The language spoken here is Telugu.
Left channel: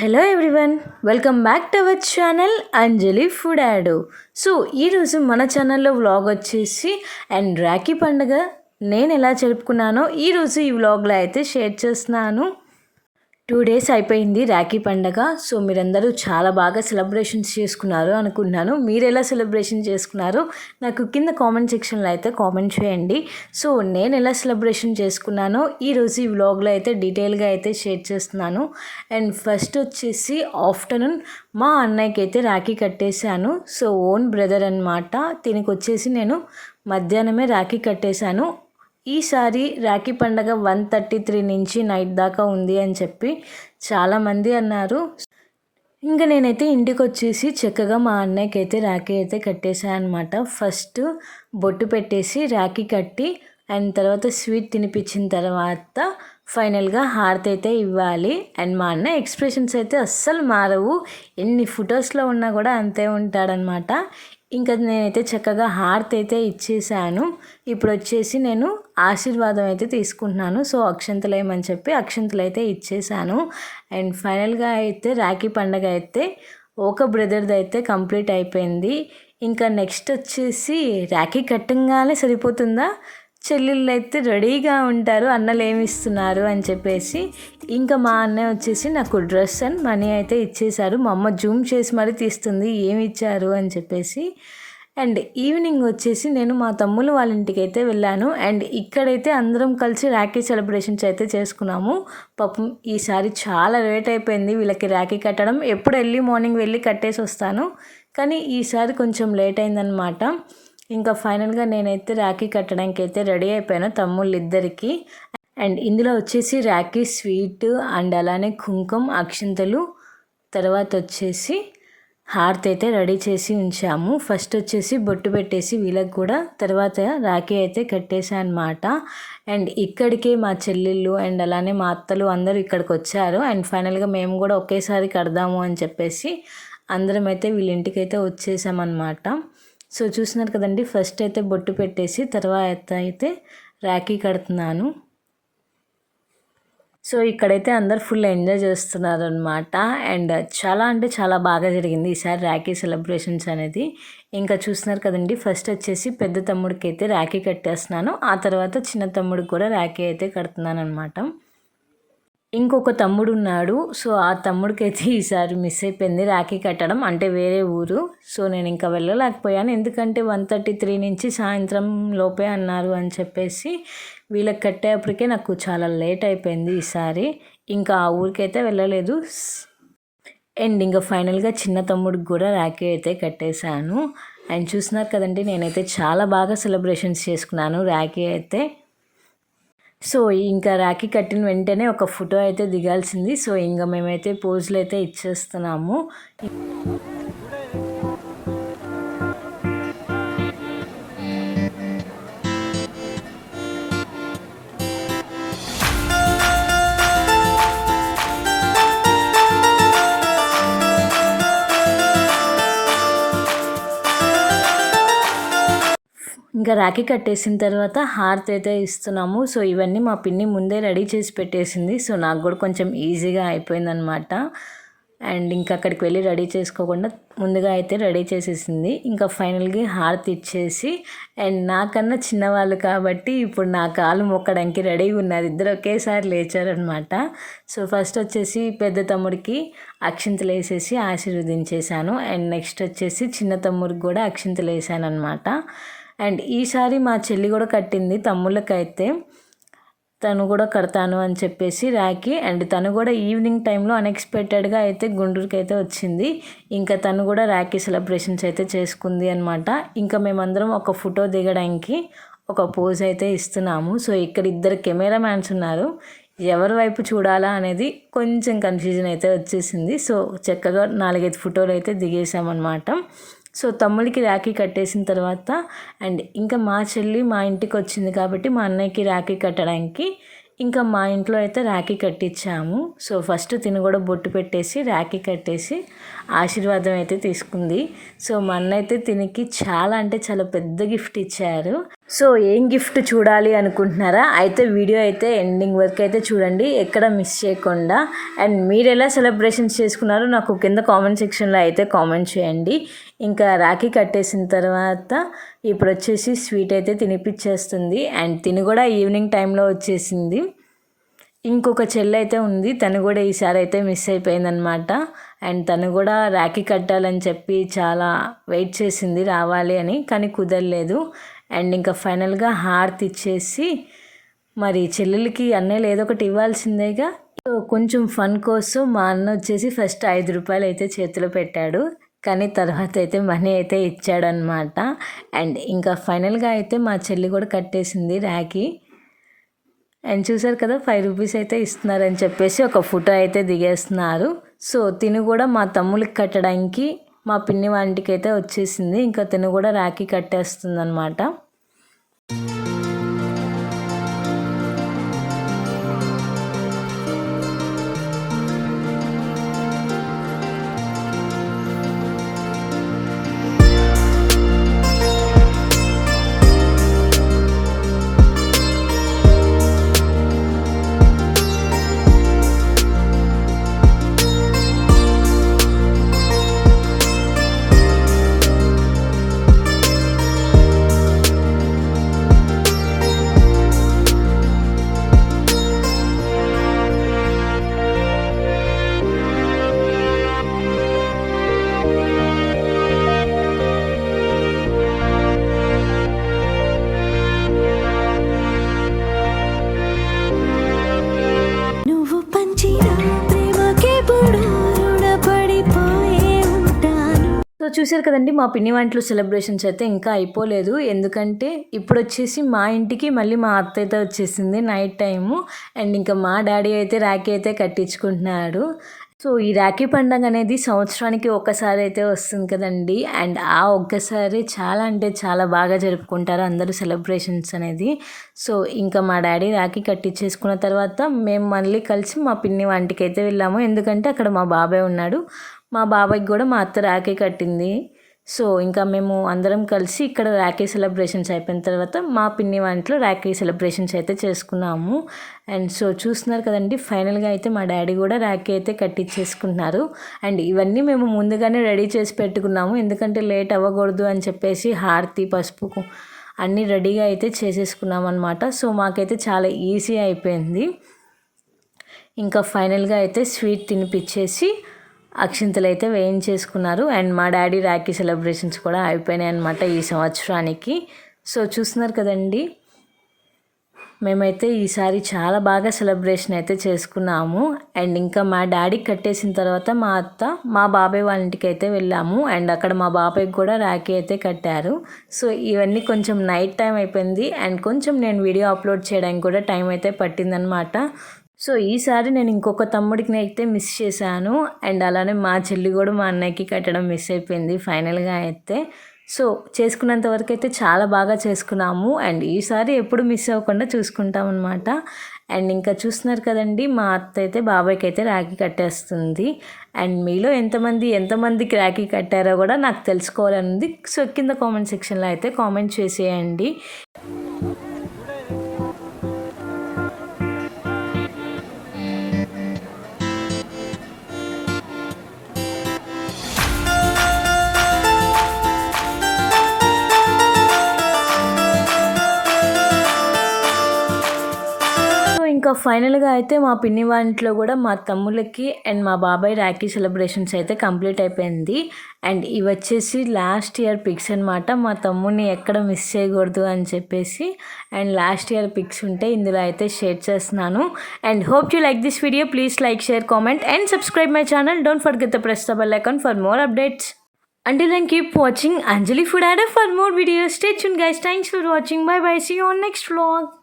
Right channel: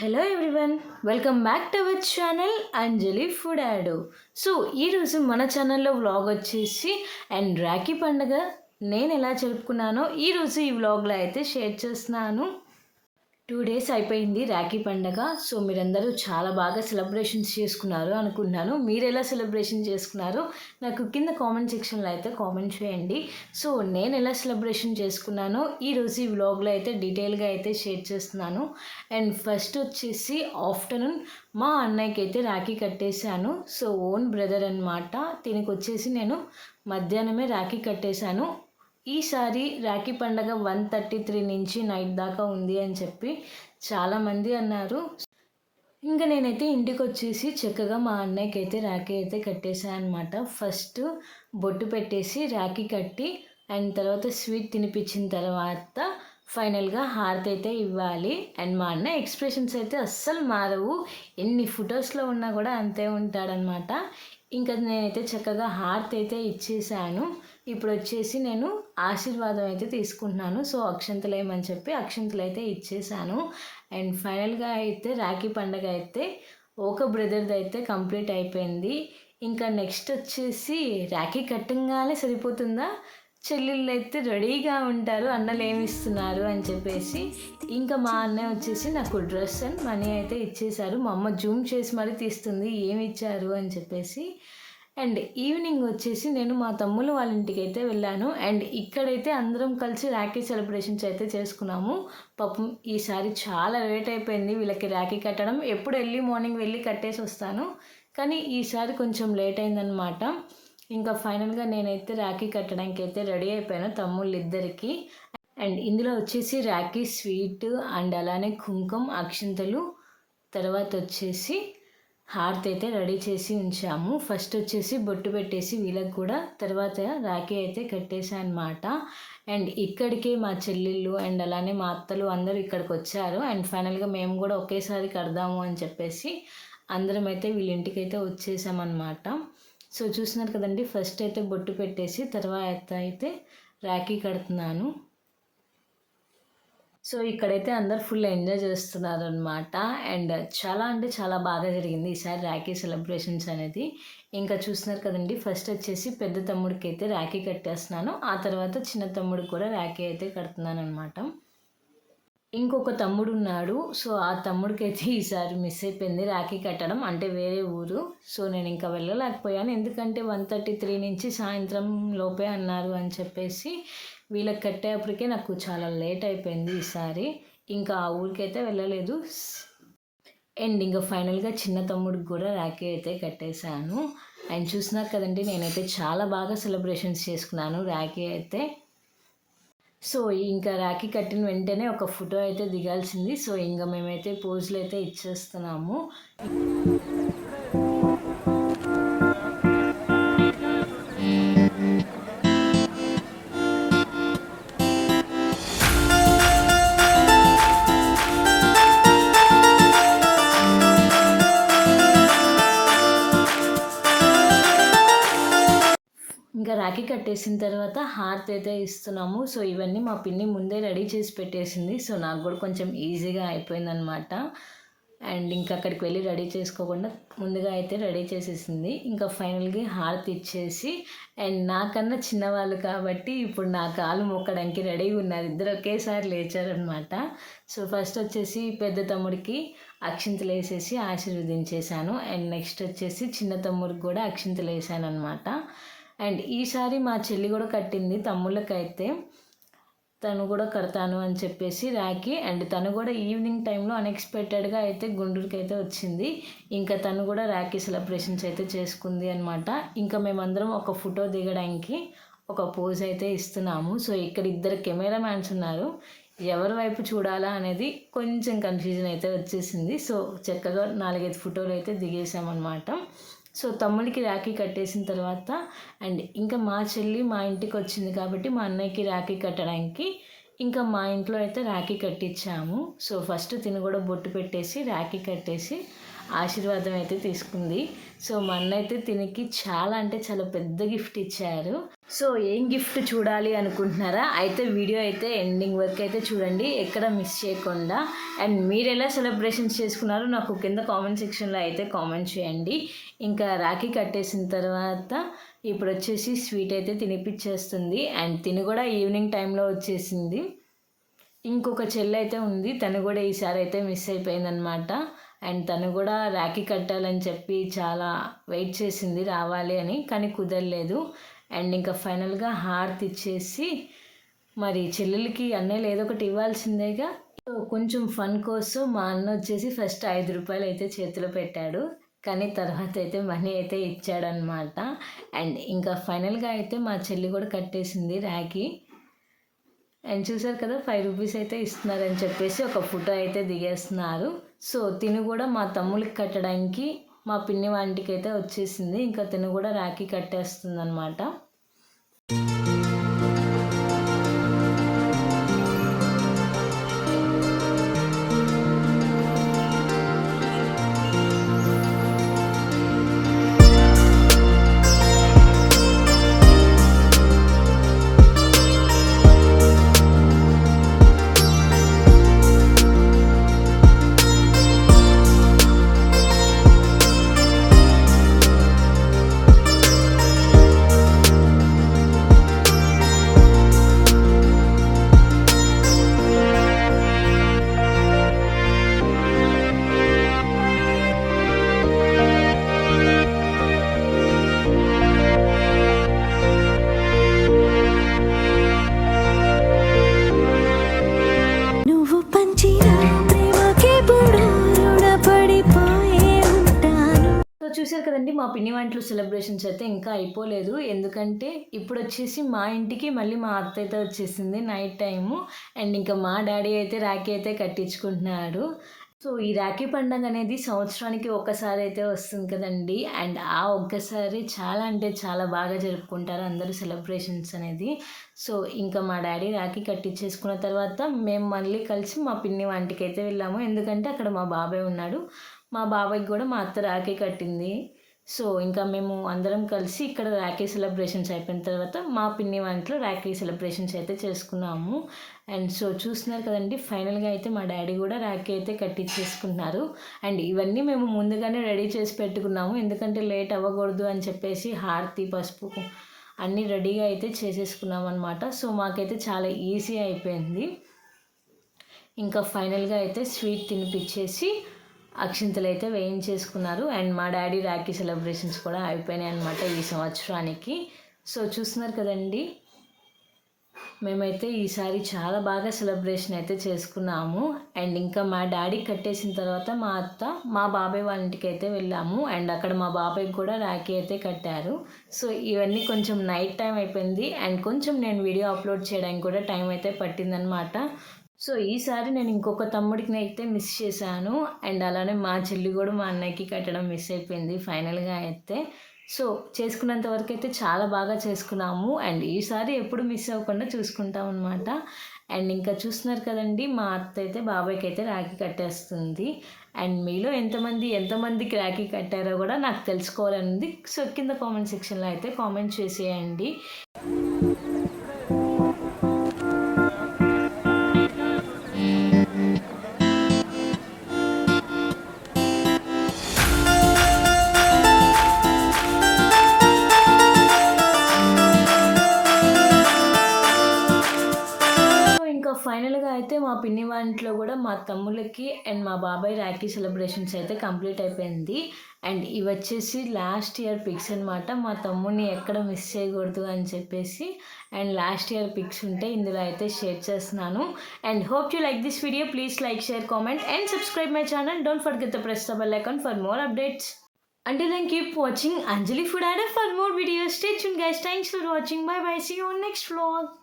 Hello everyone welcome back to our channel Anjali food adder so ఈరోజు మన ఛానల్లో వ్లాగ్ వచ్చేసి అండ్ రాఖీ పండుగ. నేను ఎలా జరుపుకున్నానో ఈరోజు ఈ వ్లాగ్లో అయితే షేర్ చేస్తున్నాను. టూ డేస్ అయిపోయింది రాఖీ పండగ. సో మీరందరూ చాలా బాగా సెలబ్రేషన్స్ చేసుకున్నారు అనుకున్నాను మీరు ఎలా సెలబ్రేషన్ చేసుకున్నారు? నాకు కింద కామెంట్ సెక్షన్లో అయితే కామెంట్ చేయండి. సో నేను ఎలా సెలబ్రేషన్ చేసుకున్నానో ఈరోజు ఈ వ్లాగ్లో అయితే డీటెయిల్గా అయితే షేర్ చేస్తున్నాను. అండ్ ఫస్ట్ వచ్చేసి ఆఫ్టర్నూన్ మా అన్నయ్యకి అయితే రాఖీ కట్టేశాను. సో ఓన్ బ్రదర్ అనమాట దీనికి వచ్చేసి నేను మధ్యాహ్నమే రాఖీ కట్టేశాను. ఈసారి రాఖీ పండగ వన్ థర్టీ త్రీ నుంచి నైట్ దాకా ఉంది అని చెప్పి చాలామంది అన్నారు. ఇంకా నేనైతే ఇంటికి వచ్చేసి చక్కగా మా అన్నయ్యకి అయితే రాఖీ అయితే కట్టేశాను అనమాట ఫస్ట్ బొట్టు పెట్టేసి రాఖీ కట్టి అండ్ తర్వాత స్వీట్ తినిపించిన తర్వాత ఫైనల్గా హారతి అయితే ఇవ్వాలి. అండ్ మా అన్న ఎక్స్ప్రెషన్స్ అయితే అస్సలు మారవు. ఎన్ని ఫొటోస్లో ఉన్నా కూడా అంతే ఉంటాడనమాట ఇంకా నేనైతే చక్కగా హారతి అయితే ఇచ్చేసాను. ఇప్పుడు వచ్చేసి నేను ఆశీర్వాదం అయితే తీసుకుంటున్నాను. సో అక్షంతలేమని చెప్పి అక్షంతలు అయితే ఇచ్చేసాను. అండ్ ఫైనల్గా అయితే రాఖీ పండగ అయితే ఒక బ్రదర్ది అయితే కంప్లీట్ అయిపోయింది. ఇంకా నెక్స్ట్ వచ్చేసి రాఖీ కట్టంగానే సరిపోతుందా? చెల్లెళ్ళు అయితే రెడీగా ఉంటారు అన్నలు ఏమి ఇస్తున్నారు అని చెప్పేసి. ఇంకా మా అన్నయ్య వచ్చేసి నాకు డ్రెస్ అండ్ మనీ అయితే ఇచ్చేశారు. మా అమ్మ జూమ్ చేసి మరీ తీస్తుంది ఏమి ఇచ్చారు అని చెప్పేసి. అండ్ ఈవినింగ్ వచ్చేసి నేను మా తమ్ముళ్ళు వాళ్ళ ఇంటికి అయితే వెళ్ళాను. అండ్ ఇక్కడైతే అందరం కలిసి రాఖీ సెలబ్రేషన్స్ అయితే చేసుకున్నాము. పాపం ఈసారి చాలా లేట్ అయిపోయింది వీళ్ళకి రాఖీ కట్టడం. ఎప్పుడు వెళ్ళి మార్నింగ్ వెళ్ళి కట్టేసి వస్తాను. కానీ ఈసారి కొంచెం లేట్ అయిందనమాట ఇంకా ఫైనల్గా నేనైతే రాఖీ కట్టడానికి అయితే రెడీ అయిపోయాను తమ్ముళ్ళు ఇద్దరికి అండ్ ఇందులో వచ్చేసి రాఖీ స్వీట్ అండ్ అలానే కుంకుమ అక్షింతలు తర్వాత వచ్చేసి హార్త్ అయితే రెడీ చేసి ఉంచాము. ఫస్ట్ వచ్చేసి బొట్టు పెట్టేసి వీళ్ళకి కూడా తర్వాత రాఖీ అయితే కట్టేశానమాట అండ్ ఇక్కడికే మా చెల్లెళ్ళు అండ్ అలానే మా అత్తలు అందరూ ఇక్కడికి వచ్చారు. అండ్ ఫైనల్గా మేము కూడా ఒకేసారి కడదాము అని చెప్పేసి అందరం అయితే వీళ్ళ ఇంటికి అయితే వచ్చేసామన్నమాట. సో చూసినారు కదండి ఫస్ట్ అయితే బొట్టు పెట్టేసి తర్వాత అయితే రాఖీ కడుతున్నాను. సో ఇక్కడైతే అందరు ఫుల్ ఎంజాయ్ చేస్తున్నారు అనమాట అండ్ చాలా అంటే చాలా బాగా జరిగింది ఈసారి రాఖీ సెలబ్రేషన్స్ అనేది. ఇంకా చూస్తున్నారు కదండి ఫస్ట్ వచ్చేసి పెద్ద తమ్ముడికి అయితే రాఖీ కట్టేస్తున్నాను. ఆ తర్వాత చిన్న తమ్ముడికి కూడా రాఖీ అయితే కడుతున్నాను అనమాట ఇంకొక తమ్ముడు ఉన్నాడు సో ఆ తమ్ముడికి అయితే ఈసారి మిస్ అయిపోయింది. రాఖీ కట్టడం అంటే వేరే ఊరు. సో నేను ఇంకా వెళ్ళలేకపోయాను. ఎందుకంటే వన్ థర్టీ త్రీ నుంచి సాయంత్రం లోపే అన్నారు అని చెప్పేసి వీళ్ళకి కట్టేప్పటికే నాకు చాలా లేట్ అయిపోయింది ఈసారి. ఇంకా ఆ ఊరికైతే వెళ్ళలేదు. అండ్ ఇంకా ఫైనల్గా చిన్న తమ్ముడికి కూడా రాఖీ అయితే కట్టేశాను. అండ్ చూసినారు కదండి నేనైతే చాలా బాగా సెలబ్రేషన్స్ చేసుకున్నాను రాఖీ అయితే. సో ఇంకా రాఖీ కట్టిన వెంటనే ఒక ఫోటో అయితే దిగాల్సింది. సో ఇంకా మేమైతే పోజులు అయితే ఇచ్చేస్తున్నాము. ఇంకా రాఖీ కట్టేసిన తర్వాత హారతి అయితే ఇస్తున్నాము. సో ఇవన్నీ మా పిన్ని ముందే రెడీ చేసి పెట్టేసింది. సో నాకు కూడా కొంచెం ఈజీగా అయిపోయిందనమాట అండ్ ఇంకా అక్కడికి వెళ్ళి రెడీ చేసుకోకుండా ముందుగా అయితే రెడీ చేసేసింది. ఇంకా ఫైనల్గా హారతి ఇచ్చేసి అండ్ నాకన్నా చిన్నవాళ్ళు కాబట్టి ఇప్పుడు నా కాలు మొక్కడానికి రెడీగా ఉన్నారు. ఇద్దరు ఒకేసారి లేచారనమాట సో ఫస్ట్ వచ్చేసి పెద్ద తమ్ముడికి అక్షింతలు వేసేసి ఆశీర్వదించేశాను. అండ్ నెక్స్ట్ వచ్చేసి చిన్న తమ్ముడికి కూడా అక్షింతలు వేసాను అనమాట అండ్ ఈసారి మా చెల్లి కూడా కట్టింది తమ్ముళ్ళకైతే. తను కూడా కడతాను అని చెప్పేసి రాకి అండ్ తను కూడా ఈవినింగ్ టైంలో అన్ఎక్స్పెక్టెడ్గా అయితే గుండూరుకి అయితే వచ్చింది. ఇంకా తను కూడా రాఖీ సెలబ్రేషన్స్ అయితే చేసుకుంది అనమాట ఇంకా మేమందరం ఒక ఫోటో దిగడానికి ఒక పోజ్ అయితే ఇస్తున్నాము. సో ఇక్కడ ఇద్దరు కెమెరా మ్యాన్స్ ఉన్నారు. ఎవరి వైపు చూడాలా అనేది కొంచెం కన్ఫ్యూజన్ అయితే వచ్చేసింది. సో చక్కగా నాలుగైదు ఫోటోలు అయితే దిగేసామన్నమాట సో తమ్ముడికి రాఖీ కట్టేసిన తర్వాత అండ్ ఇంకా మా చెల్లి మా ఇంటికి వచ్చింది కాబట్టి మా అన్నయ్యకి రాఖీ కట్టడానికి ఇంకా మా ఇంట్లో అయితే రాఖీ కట్టించాము. సో ఫస్ట్ తిని కూడా బొట్టు పెట్టేసి రాఖీ కట్టేసి ఆశీర్వాదం అయితే తీసుకుంది. సో మా అన్న అయితే తినికి చాలా అంటే చాలా పెద్ద గిఫ్ట్ ఇచ్చారు. సో ఏం గిఫ్ట్ చూడాలి అనుకుంటున్నారా? అయితే వీడియో అయితే ఎండింగ్ వరకు అయితే చూడండి. ఎక్కడ మిస్ చేయకుండా. అండ్ మీరు ఎలా సెలబ్రేషన్స్ చేసుకున్నారో నాకు కింద కామెంట్ సెక్షన్లో అయితే కామెంట్ చేయండి. ఇంకా రాఖీ కట్టేసిన తర్వాత ఇప్పుడు వచ్చేసి స్వీట్ అయితే తినిపించేస్తుంది. అండ్ తిని కూడా ఈవినింగ్ టైంలో వచ్చేసింది. ఇంకొక చెల్లి అయితే ఉంది. తను కూడా ఈసారి అయితే మిస్ అయిపోయిందనమాట అండ్ తను కూడా రాఖీ కట్టాలని చెప్పి చాలా వెయిట్ చేసింది రావాలి అని కానీ కుదరలేదు. అండ్ ఇంకా ఫైనల్గా హార్త్ ఇచ్చేసి మరి చెల్లెలకి అన్నయ్యలు ఏదో ఒకటి ఇవ్వాల్సిందేగా. కొంచెం ఫన్ కోసం మా అన్న వచ్చేసి ఫస్ట్ ఐదు రూపాయలు అయితే చేతిలో పెట్టాడు. కానీ తర్వాత అయితే మనీ అయితే ఇచ్చాడనమాట అండ్ ఇంకా ఫైనల్గా అయితే మా చెల్లి కూడా కట్టేసింది ర్యాకి అండ్ చూసారు కదా ఫైవ్ రూపీస్ అయితే ఇస్తున్నారని చెప్పేసి ఒక ఫోటో అయితే దిగేస్తున్నారు. సో తిను కూడా మా తమ్ముళ్ళకి కట్టడానికి మా పిన్ని వాంటికి అయితే వచ్చేసింది. ఇంకా తిను కూడా రాఖీ కట్టేస్తుంది అనమాట సో చూసారు కదండి మా పిన్ని వంటలు సెలబ్రేషన్స్ అయితే ఇంకా అయిపోలేదు. ఎందుకంటే ఇప్పుడు వచ్చేసి మా ఇంటికి మళ్ళీ మా అత్త అయితే వచ్చేసింది నైట్ టైము. అండ్ ఇంకా మా డాడీ అయితే రాఖీ అయితే కట్టించుకుంటున్నాడు. సో ఈ రాఖీ పండగ అనేది సంవత్సరానికి ఒక్కసారి అయితే వస్తుంది కదండి. అండ్ ఆ ఒక్కసారి చాలా అంటే చాలా బాగా జరుపుకుంటారు అందరూ సెలబ్రేషన్స్ అనేది. సో ఇంకా మా డాడీ రాఖీ కట్టించేసుకున్న తర్వాత మేము మళ్ళీ కలిసి మా పిన్ని వంటికి అయితే వెళ్ళాము. ఎందుకంటే అక్కడ మా బాబాయ్ ఉన్నాడు. మా బాబాయ్కి కూడా మా అత్త రాఖీ కట్టింది. సో ఇంకా మేము అందరం కలిసి ఇక్కడ రాఖీ సెలబ్రేషన్స్ అయిపోయిన తర్వాత మా పిన్ని వంటలో రాఖీ సెలబ్రేషన్స్ అయితే చేసుకున్నాము. అండ్ సో చూస్తున్నారు కదండి ఫైనల్గా అయితే మా డాడీ కూడా రాఖీ అయితే కట్టించేసుకున్నారు అండ్ ఇవన్నీ మేము ముందుగానే రెడీ చేసి పెట్టుకున్నాము. ఎందుకంటే లేట్ అవ్వకూడదు అని చెప్పేసి హారతి పసుపు అన్నీ రెడీగా అయితే చేసేసుకున్నాం అనమాట సో మాకైతే చాలా ఈజీ అయిపోయింది. ఇంకా ఫైనల్గా అయితే స్వీట్ తినిపించేసి అక్షింతలు అయితే వేయించేసుకున్నారు. అండ్ మా డాడీ రాఖీ సెలబ్రేషన్స్ కూడా అయిపోయినాయి అనమాట ఈ సంవత్సరానికి. సో చూస్తున్నారు కదండి మేమైతే ఈసారి చాలా బాగా సెలబ్రేషన్ అయితే చేసుకున్నాము. అండ్ ఇంకా మా డాడీ కట్టేసిన తర్వాత మా అత్త మా బాబాయ్ వాళ్ళ ఇంటికి అయితే వెళ్ళాము. అండ్ అక్కడ మా బాబాయ్కి కూడా రాఖీ అయితే కట్టారు. సో ఇవన్నీ కొంచెం నైట్ టైం అయిపోయింది. అండ్ కొంచెం నేను వీడియో అప్లోడ్ చేయడానికి కూడా టైం అయితే పట్టిందనమాట సో ఈసారి నేను ఇంకొక తమ్ముడికి అయితే మిస్ చేశాను. అండ్ అలానే మా చెల్లి కూడా మా అన్నయ్యకి కట్టడం మిస్ అయిపోయింది ఫైనల్గా అయితే. సో చేసుకున్నంత వరకు అయితే చాలా బాగా చేసుకున్నాము. అండ్ ఈసారి ఎప్పుడు మిస్ అవ్వకుండా చూసుకుంటాం అనమాట అండ్ ఇంకా చూస్తున్నారు కదండి మా అత్త అయితే బాబాయ్కి అయితే రాఖీ కట్టేస్తుంది. అండ్ మీలో ఎంతమంది ఎంతమందికి రాఖీ కట్టారో కూడా నాకు తెలుసుకోవాలనుంది. సో కింద కామెంట్ సెక్షన్లో అయితే కామెంట్ చేసేయండి. ఫైనల్గా అయితే మా పిన్ని వాంట్లో కూడా మా తమ్ముళ్ళకి అండ్ మా బాబాయ్ రాఖీ సెలబ్రేషన్స్ అయితే కంప్లీట్ అయిపోయింది అండ్ ఇవి వచ్చేసి లాస్ట్ ఇయర్ పిక్స్ అనమాట మా తమ్ముడిని ఎక్కడ మిస్ చేయకూడదు అని చెప్పేసి అండ్ లాస్ట్ ఇయర్ పిక్స్ ఉంటే ఇందులో అయితే షేర్ చేస్తున్నాను and hope you like this video please like share comment and subscribe my channel don't forget the press the bell icon for more updates Until then, keep watching Anjali food Adder for more videos. Stay tuned, guys. Thanks for watching. Bye bye. See you on next vlog.